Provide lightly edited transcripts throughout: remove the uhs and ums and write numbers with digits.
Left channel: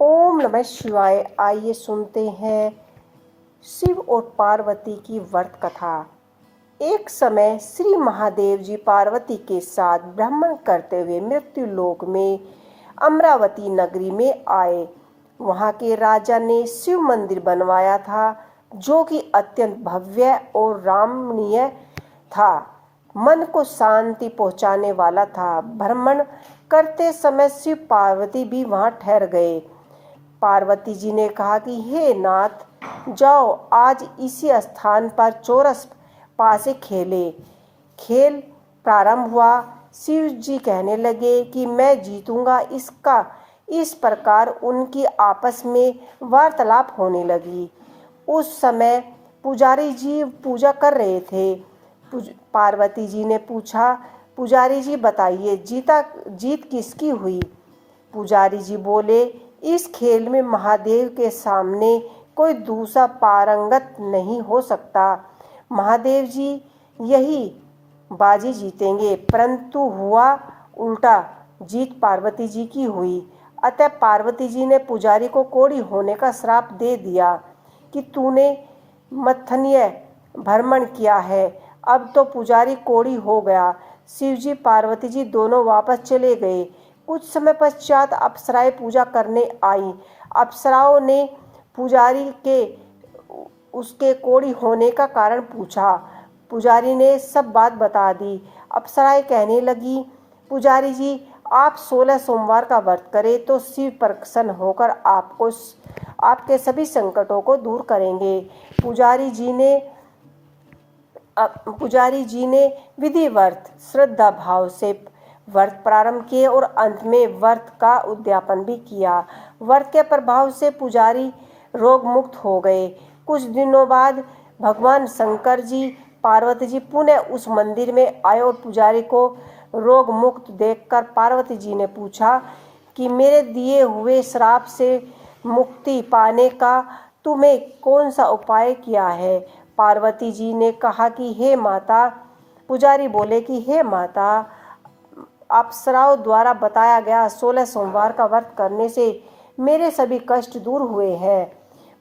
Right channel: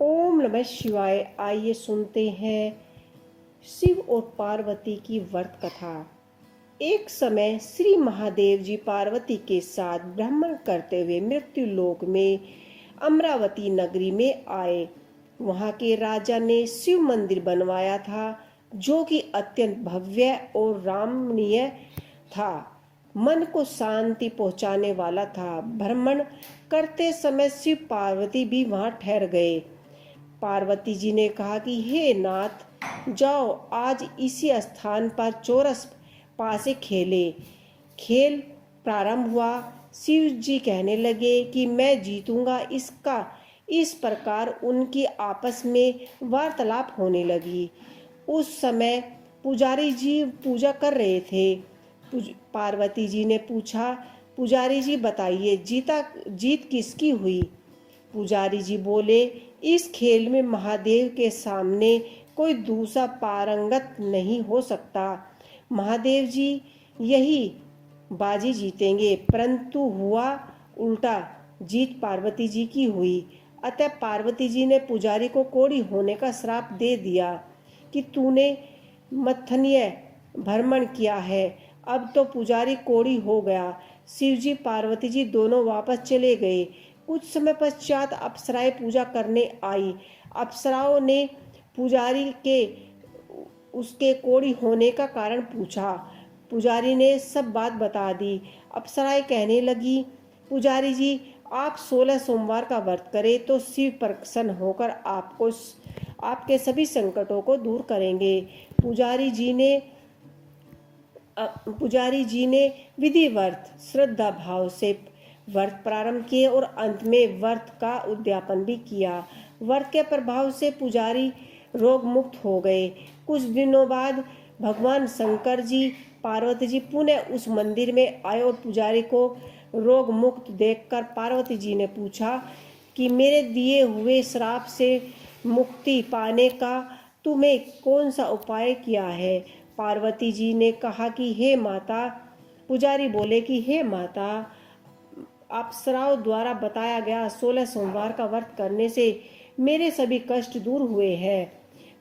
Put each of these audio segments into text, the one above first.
ओम नमः शिवाय। आइए सुनते हैं शिव और पार्वती की व्रत कथा। एक समय श्री महादेव जी पार्वती के साथ भ्रमण करते हुए मृत्यु लोक में अमरावती नगरी में आए। वहां के राजा ने शिव मंदिर बनवाया था, जो कि अत्यंत भव्य और रमणीय था। मन को शांति पहुंचाने वाला था। भ्रमण करते समय शिव पार्वती भी वहां ठहर गए। पार्वती जी ने कहा कि हे नाथ, जाओ आज इसी स्थान पर चौरस पासे खेले। खेल प्रारंभ हुआ। शिव जी कहने लगे कि मैं जीतूंगा। इस प्रकार उनकी आपस में वार्तालाप होने लगी। उस समय पुजारी जी पूजा कर रहे थे। पार्वती जी ने पूछा, पुजारी जी बताइए, जीत किसकी हुई? पुजारी जी बोले, इस खेल में महादेव के सामने कोई दूसरा पारंगत नहीं हो सकता। महादेव जी यही बाजी जीतेंगे। परंतु हुआ उल्टा, जीत पार्वती जी की हुई। अतः पार्वती जी ने पुजारी को कोढ़ी होने का श्राप दे दिया कि तूने मथनीय भ्रमण किया है। अब तो पुजारी कोढ़ी हो गया। शिवजी पार्वती जी दोनों वापस चले गए। कुछ समय पश्चात अप्सराएं पूजा करने आई। अप्सराओं ने पुजारी के उसके कोढ़ी होने का कारण पूछा। पुजारी ने सब बात बता दी। अप्सराएं कहने लगी, पुजारी जी आप 16 सोमवार का व्रत करें तो शिव प्रसन्न होकर आपके सभी संकटों को दूर करेंगे। पुजारी जी ने विधिवत श्रद्धा भाव से व्रत प्रारंभ किए और अंत में व्रत का उद्यापन भी किया। व्रत के प्रभाव से पुजारी रोग मुक्त हो गए। कुछ दिनों बाद भगवान शंकर जी पार्वती जी पुनः उस मंदिर में आए और पुजारी को रोग मुक्त देखकर पार्वती जी ने पूछा कि मेरे दिए हुए श्राप से मुक्ति पाने का तुम्हें कौन सा उपाय किया है? पार्वती जी ने कहा कि हे माता, पुजारी बोले कि हे माता, अप्सराओं द्वारा बताया गया 16 सोमवार का व्रत करने से मेरे सभी कष्ट दूर हुए हैं।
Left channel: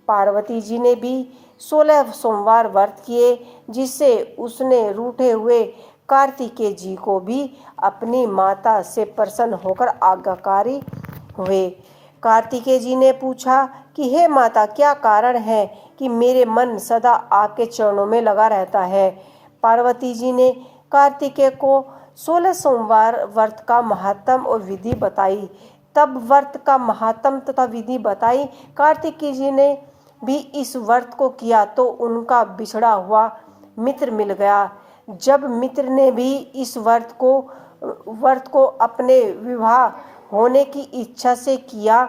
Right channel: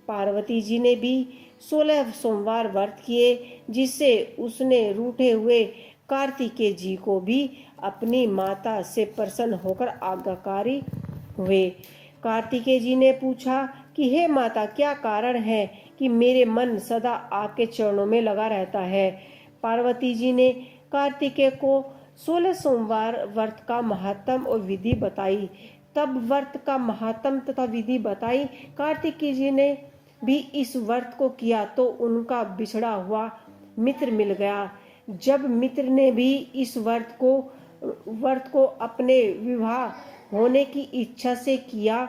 पार्वती जी ने भी 16 सोमवार व्रत किए, जिससे उसने रूठे हुए कार्तिकेय जी को भी अपनी माता से प्रसन्न होकर आज्ञाकारी हुए। कार्तिकेय जी ने पूछा कि हे माता, क्या कारण है कि मेरे मन सदा आपके चरणों में लगा रहता है? पार्वती जी ने कार्तिकेय को 16 सोमवार व्रत का महात्म और विधि बताई। तब व्रत का महात्म तथा विधि बताई। कार्तिकेय जी ने भी इस व्रत को किया तो उनका बिछड़ा हुआ मित्र मिल गया। जब मित्र ने भी इस व्रत को अपने विवाह होने की इच्छा से किया,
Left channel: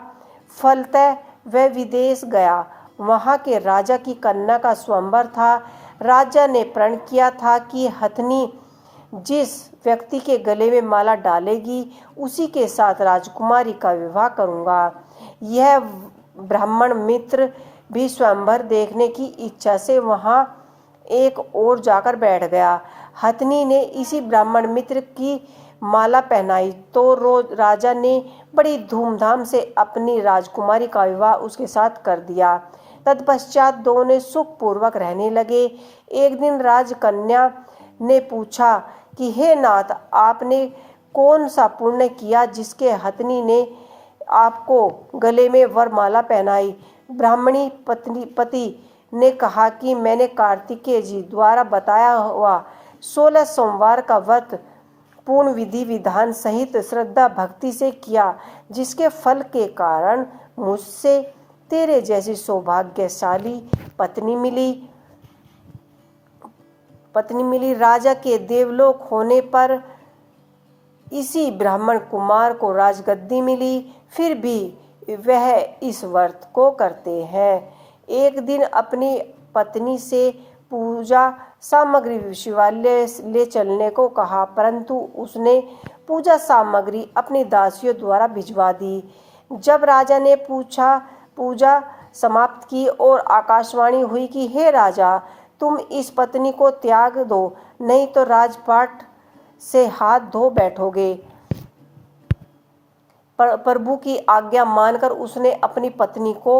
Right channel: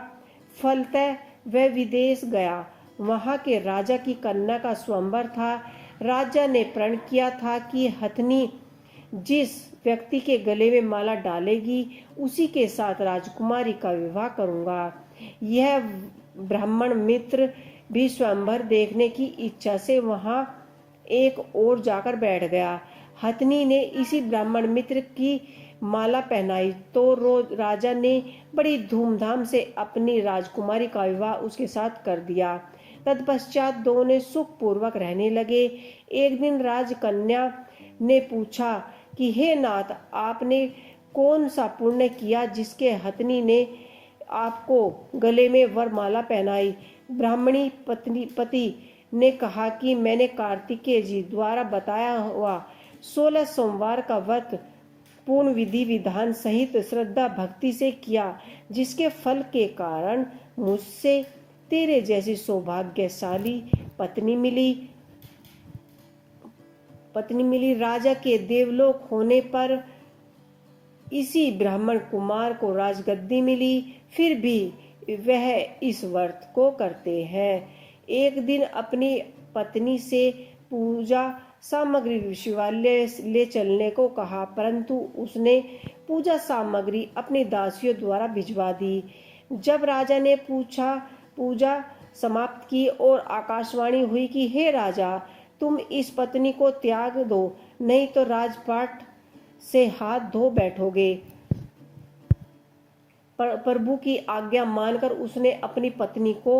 फलतः वह विदेश गया। वहां के राजा की कन्या का स्वयंवर था। राजा ने प्रण किया था कि हथनी जिस व्यक्ति के गले में माला डालेगी, उसी के साथ राजकुमारी का विवाह करूंगा। यह ब्राह्मण मित्र भी स्वयंवर देखने की इच्छा से वहां एक ओर जाकर बैठ गया। हथनी ने इसी ब्राह्मण मित्र की माला पहनाई तो राजा ने बड़ी धूमधाम से अपनी राजकुमारी का विवाह उसके साथ कर दिया। तत्पश्चात दोनों सुख पूर्वक रहने लगे। एक दिन राजकन्या ने पूछा कि हे नाथ, आपने कौन सा पुण्य किया जिसके हथनी ने आपको गले में वरमाला पहनाई? ब्राह्मणी पति ने कहा कि मैंने कार्तिकेय जी द्वारा बताया हुआ 16 सोमवार का व्रत पूर्ण विधि विधान सहित श्रद्धा भक्ति से किया, जिसके फल के कारण मुझसे तेरे जैसी सौभाग्यशाली पत्नी मिली। राजा के देवलोक होने पर इसी ब्राह्मण कुमार को राजगद्दी मिली। फिर भी वह इस व्रत को करते हैं। एक दिन अपनी पत्नी से पूजा सामग्री शिवालय ले चलने को कहा, परंतु उसने पूजा सामग्री अपनी दासियों द्वारा भिजवा दी। जब राजा ने पूजा समाप्त की और आकाशवाणी हुई कि हे राजा, तुम इस पत्नी को त्याग दो, नहीं तो राजपाट से हाथ धो बैठोगे। प्रभु की आज्ञा मानकर उसने अपनी पत्नी को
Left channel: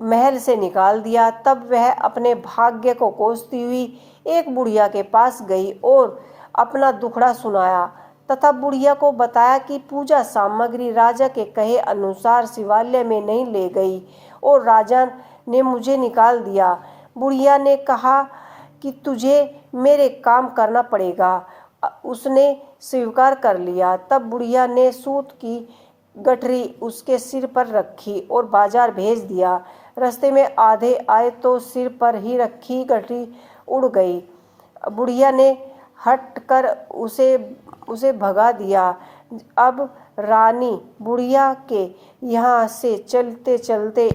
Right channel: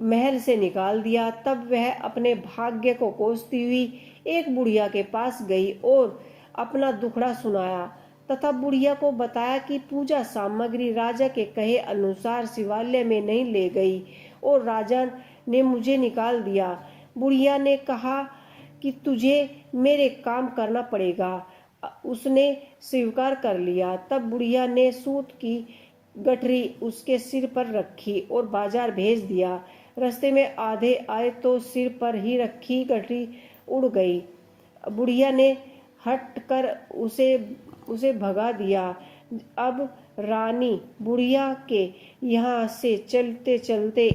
महल से निकाल दिया। तब वह अपने भाग्य को कोसती हुई एक बुढ़िया के पास गई और अपना दुखड़ा सुनाया तथा बुढ़िया को बताया कि पूजा सामग्री राजा के कहे अनुसार शिवालय में नहीं ले गई और राजा ने मुझे निकाल दिया। बुढ़िया ने कहा कि तुझे मेरे काम करना पड़ेगा। उसने स्वीकार कर लिया। तब बुढ़िया ने सूत की गठरी उसके सिर पर रखी और बाजार भेज दिया। रास्ते में आधे आए तो सिर पर ही रखी गठरी उड़ गई। बुढ़िया ने हट कर उसे भगा दिया। अब रानी बुढ़िया के यहाँ से चलते चलते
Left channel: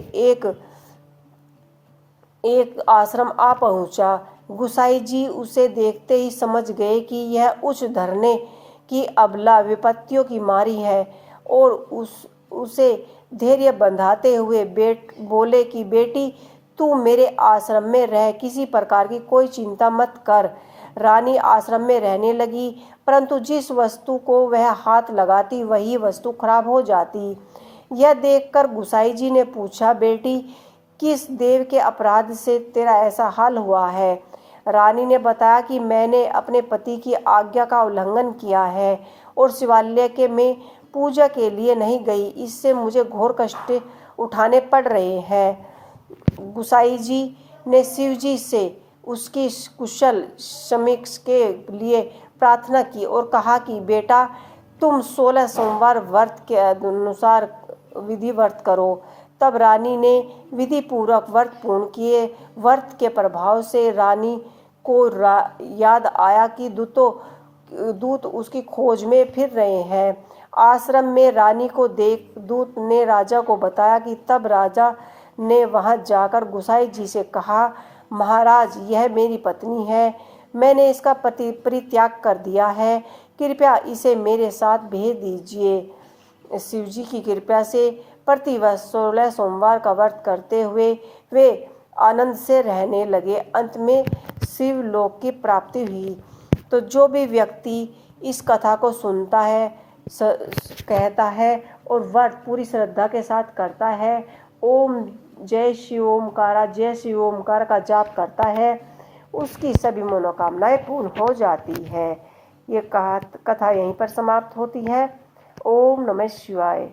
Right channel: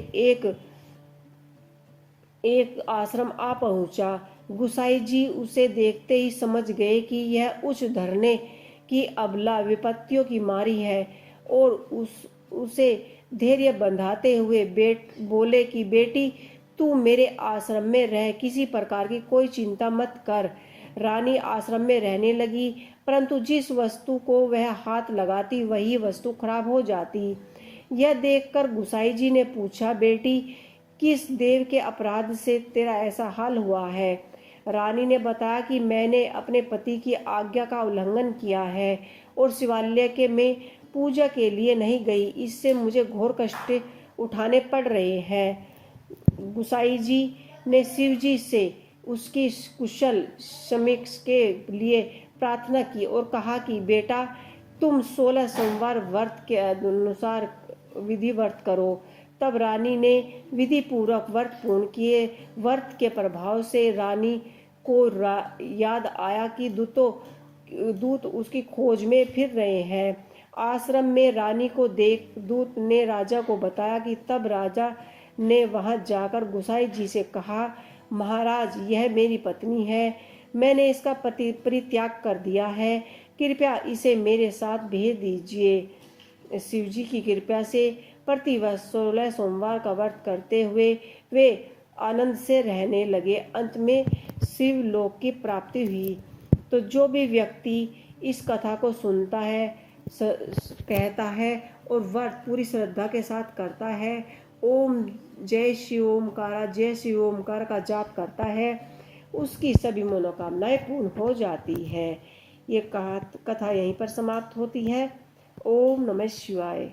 एक आश्रम आ पहुँचा। गुसाई जी उसे देखते ही समझ गए कि यह उच्च धरने की अबला विपत्तियों की मारी है और उसे धैर्य बंधाते हुए बोले कि बेटी, तू मेरे आश्रम में रह, किसी प्रकार की कोई चिंता मत कर। रानी आश्रम में रहने लगी, परंतु जिस वस्तु को वह हाथ लगाती वही वस्तु खराब हो जाती। यह देखकर गुसाई जी ने पूछा, बेटी, किस देव के अपराध से तेरा ऐसा हाल हुआ है? रानी ने बताया कि मैंने अपने पति की आज्ञा का उल्लंघन किया है और शिवालय के में पूजा के लिए नहीं गई। इससे मुझे घोर कष्ट उठाने पड़ रहे हैं। गुसाई जी ने शिव जी से उसकी कुशल समीक्षा के लिए प्रार्थना की और कहा कि बेटा, तुम 16 सोमवार व्रत के अनुसार विधि व्रत करो। तब रानी ने विधि पूर्वक व्रत पूर्ण किए। व्रत के प्रभाव से रानी को याद आया कि दूत उसकी खोज में फिर रहे हैं। आश्रम में रानी को देख दूत ने राजा को बताया कि तब राजा ने वहां जाकर गुसाई जी से कहा, महाराज, यह मेरी पत्नी है। मैंने इसका परित्याग कर दिया है। कृपया इसे मेरे साथ भेज दीजिए। शिवजी की कृपा से प्रतिवर्ष 16 सोमवार का व्रत करते हुए वे आनंद से रहने लगे। अंत में शिवलोक की प्राप्ति हुई। तो जो भी व्यक्ति इस कथा को सुनता है, कहता है और व्रत पूरी श्रद्धा के साथ करता है, ओम जय शिव ओमकारा, जय शिव ओमकार का जाप करता है, उसकी सभी मनोकामनाएं पूर्ण हो जाती है। ये कथा यहीं पर समाप्त होती है। ओम नमः शिवाय।